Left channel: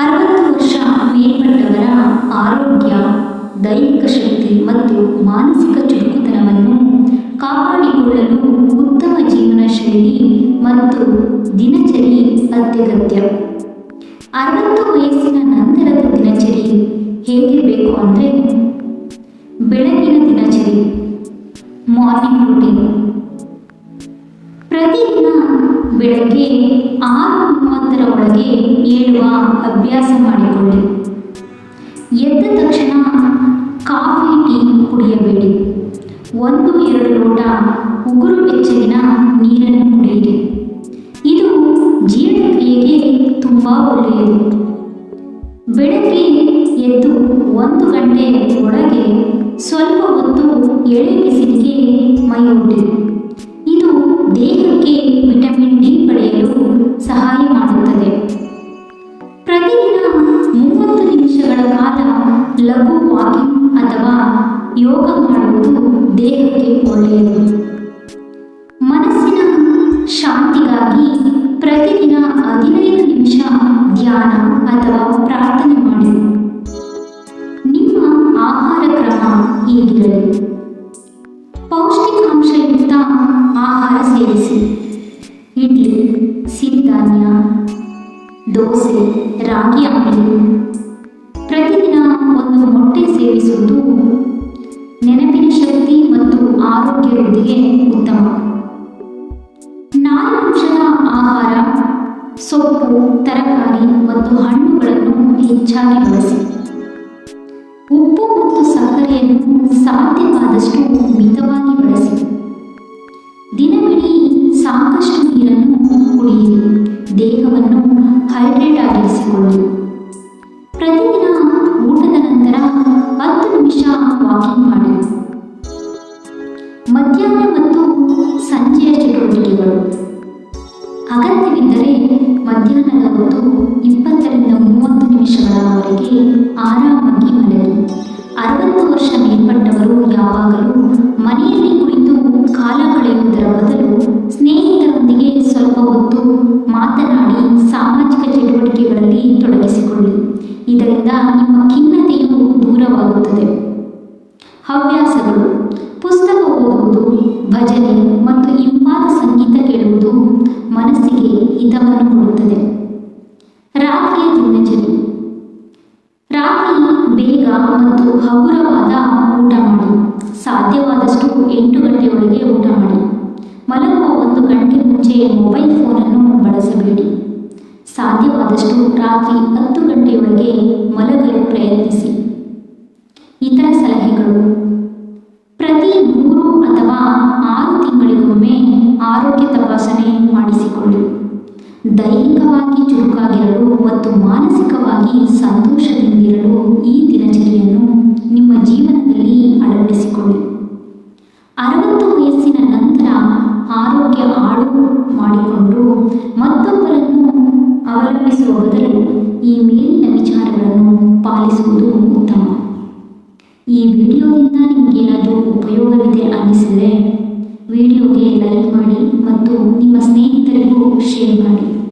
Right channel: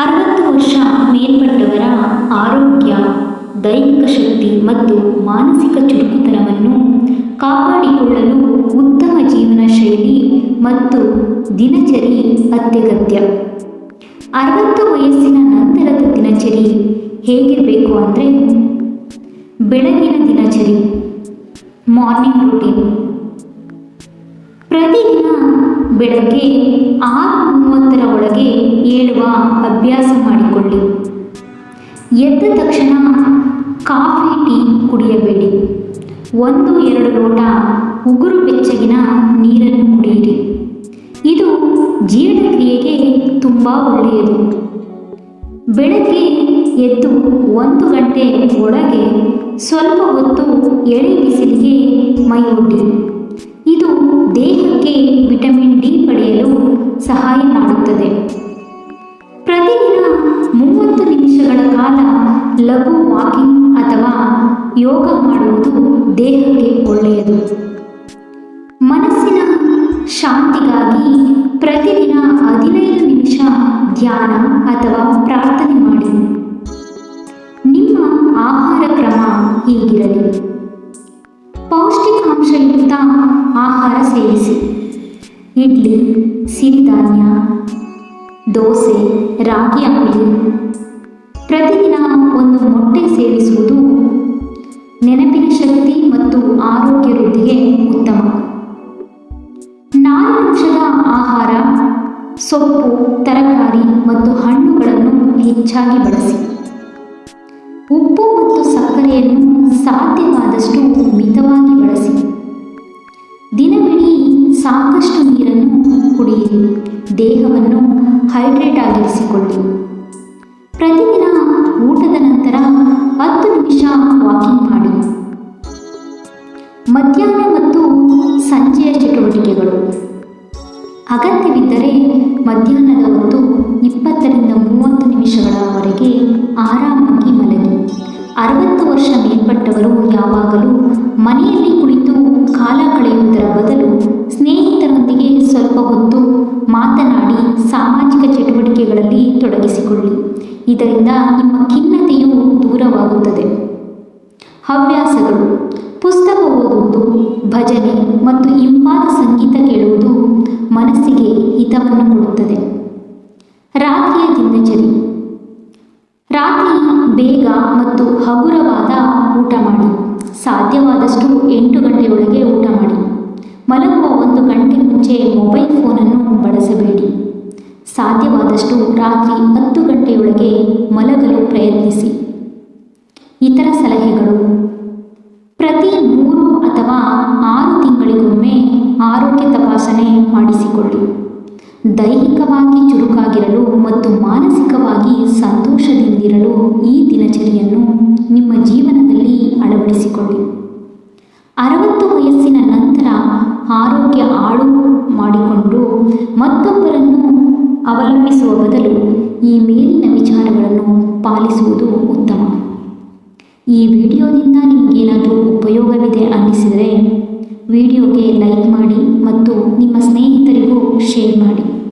60 ವರ್ಷ ಮೇಲ್ಪಟ್ಟವರ ಆರೋಗ್ಯ, ದೈಹಿಕ ಶಕ್ತಿ ಮತ್ತು ಮಾನಸಿಕ ಚುರುಕುತನವನ್ನು ಕಾಪಾಡಿಕೊಳ್ಳಲು ಉತ್ತಮ ಜೀವನ ಶೈಲಿ ಮತ್ತು ದಿನಚರಿ ಅತ್ಯಗತ್ಯ. 60 ವಯಸ್ಸಿನ ನಂತರದ ದಿನಚರಿ ಹೇಗಿರಬೇಕು ಅಂದರೆ, ಬೆಳಗಿನ ದಿನಚರಿ, ಮಾರ್ನಿಂಗ್ ರೂಟೀನ್. ಪ್ರತಿದಿನ ಬೆಳಗ್ಗೆ 6:30 ಒಳಗೆ ಏಳುವ ಅಭ್ಯಾಸ ಮಾಡಿಕೊಳ್ಳಿ. ಎದ್ದ ತಕ್ಷಣ ಕಾಫಿ, ಟೀ ಕುಡಿಯಬೇಡಿ. 1-2 ಲೋಟ ಉಗುರು ಬೆಚ್ಚಗಿನ ನೀರನ್ನು ಕುಡಿಯಿರಿ. ಇದು ಜೀರ್ಣಕ್ರಿಯೆಗೆ ತುಂಬ ಒಳ್ಳೆಯದು. ಬೆಳಗ್ಗೆ ಎದ್ದು 1 ಗಂಟೆ ಒಳಗೆ ಸ್ವಲ್ಪ ಹೊತ್ತು ಎಳೆ ಬಿಸಿಲಿಗೆ ಮೈಯೊಡ್ಡಿ. ಇದು ದೇಹಕ್ಕೆ ವಿಟಮಿನ್ ಡಿ ಪಡೆಯಲು ಸಹಾಯ ಮಾಡುತ್ತದೆ. ಪ್ರತಿದಿನ 30 ನಿಮಿಷಗಳ ಕಾಲ ಲಘು ವಾಕಿಂಗ್ ಅಥವಾ ಯೋಗ ಮಾಡುವುದು ದೇಹಕ್ಕೆ ಒಳ್ಳೆಯದು. ಮನಸ್ಸಿನ ಶಾಂತಿಗಾಗಿ ಪ್ರತಿದಿನ 15 ನಿಮಿಷ ಧ್ಯಾನ ಅಥವಾ ಪ್ರಾರ್ಥನೆ ಮಾಡಿ. ನಿಮ್ಮ ಆಹಾರ ಕ್ರಮ ಹೀಗಿರಲಿ: ಪೌಷ್ಟಿಕಾಂಶಯುಕ್ತ ಆಹಾರ ಸೇವಿಸಿ. ಇಡ್ಲಿ, ಸಿರಿಧಾನ್ಯ, ದೋಸೆ, ರಾಗಿ ಅಂಬಲಿ. ಪ್ರತಿದಿನ 1 ಮೊಟ್ಟೆ ಸೇವಿಸುವುದು ನೆನಪಿನ ಶಕ್ತಿ ಮತ್ತು ಆರೋಗ್ಯ ವೃದ್ಧಿಗೆ ಉತ್ತಮ. ನಾರಿನಾಂಶದ ಆಹಾರ, ಸೊಪ್ಪು, ತರಕಾರಿ ಮತ್ತು ಹಣ್ಣುಗಳನ್ನು ಹೆಚ್ಚಾಗಿ ಬಳಸಿ. ಉಪ್ಪು ಮತ್ತು ಸಕ್ಕರೆಯನ್ನು ಸಾಧ್ಯವಾದಷ್ಟು ಮಿತವಾಗಿ ಬಳಸಿ. ದಿನವಿಡೀ ಸಾಕಷ್ಟು ನೀರನ್ನು ಕುಡಿಯಿರಿ. ದೇಹವನ್ನು ಹೈಡ್ರೇಟ್ ಆಗಿರಿಸಿಕೊಳ್ಳಿ. ಪ್ರತಿದಿನ ಊಟದ ನಂತರ 10 ನಿಮಿಷ ವಾಕಿಂಗ್ ಮಾಡಿ. ಮಧ್ಯಾಹ್ನ ಮತ್ತು ಸಂಜೆಯ ಚಟುವಟಿಕೆಗಳು. ಅಗತ್ಯವಿದ್ದರೆ ಮಧ್ಯಾಹ್ನದ ಹೊತ್ತು 20-30 ನಿಮಿಷಗಳವರೆಗೆ ಆರಾಮಾಗಿ ಮಲಗಿ. 60 ವರ್ಷ ಮೇಲ್ಪಟ್ಟವರು ಯಾವಾಗಲೂ ಮನೆಯಲ್ಲಿ ಕುಳಿತು ಕಾಲ ಕಳೆಯುವುದರ ಬದಲು ಸ್ನೇಹಿತರೊಂದಿಗೆ ಸ್ವಲ್ಪ ಹೊತ್ತು ಮಾತನಾಡಿ ಸಾಮಾಜಿಕ ಚಟುವಟಿಕೆಗಳಲ್ಲಿ ತೊಡಗಿಸಿಕೊಳ್ಳಿ. ಇದರಿಂದ ನಿಮ್ಮ ಖಿನ್ನತೆಯು ದೂರವಾಗುತ್ತದೆ. ಹವ್ಯಾಸಗಳು: ಪುಸ್ತಕ ಓದುವುದು, ಭಜನೆ ಮತ್ತು ಇಂಪಾದ ಸಂಗೀತ ಕೇಳುವುದು ಮನಸ್ಸಿಗೆ ಹಿತವನ್ನು ಕೊಡುತ್ತದೆ. ರಾತ್ರಿಯ ದಿನಚರಿ: ರಾತ್ರಿ ಬೇಗ ಮತ್ತು ಹಗುರವಾದ ಊಟ ಮಾಡಿ. ಸಾಧ್ಯವಾದಷ್ಟು 8 ಗಂಟೆಯೊಳಗೆ ಊಟ ಮಾಡಿ. ಮಲಗುವ 1 ಗಂಟೆ ಮುಂಚೆ ಮೊಬೈಲ್ ಫೋನನ್ನು ಬಳಸಬೇಡಿ. ಸಾಧ್ಯವಾದಷ್ಟು ರಾತ್ರಿ 10 ಗಂಟೆಯೊಳಗೆ ಮಲಗಲು ಪ್ರಯತ್ನಿಸಿ. ಇತರ ಸಲಹೆಗಳು: ಪ್ರತಿ 3 ಅಥವಾ 6 ತಿಂಗಳಿಗೊಮ್ಮೆ ಆರೋಗ್ಯ ತಪಾಸಣೆ ಮಾಡಿಸಿಕೊಳ್ಳಿ. ದೈಹಿಕವಾಗಿ ಚುರುಕಾಗಿರಲು ಮತ್ತು ಮಾನಸಿಕವಾಗಿ ಸಂತೋಷದಿಂದಿರಲು ಈ ದಿನಚರಿಯನ್ನು ನಿಮ್ಮ ಜೀವನದಲ್ಲಿ ಅಳವಡಿಸಿಕೊಳ್ಳಿ. 60 ವಯಸ್ಸಿನ ನಂತರ ಆರೋಗ್ಯ ಹಾಳು ಮಾಡಿಕೊಂಡು ಮತ್ತೊಬ್ಬರನ್ನು ಅವಲಂಬಿಸುವ ಬದಲು ಈ ಮೇಲಿನ ವಿಚಾರಗಳನ್ನು ಪಾಲಿಸುವುದು ಉತ್ತಮ. ಈ ವಿಡಿಯೋದಿಂದ ನಿಮಗೇನಾದರೂ ಉಪಯೋಗವಿದೆ ಅನ್ನಿಸಿದರೆ ವಿಡಿಯೋಗೆ ಲೈಕ್ ಮಾಡಿ ಮತ್ತು ನಿಮ್ಮ ಸ್ನೇಹಿತರಿಗೂ ಶೇರ್ ಮಾಡಿ.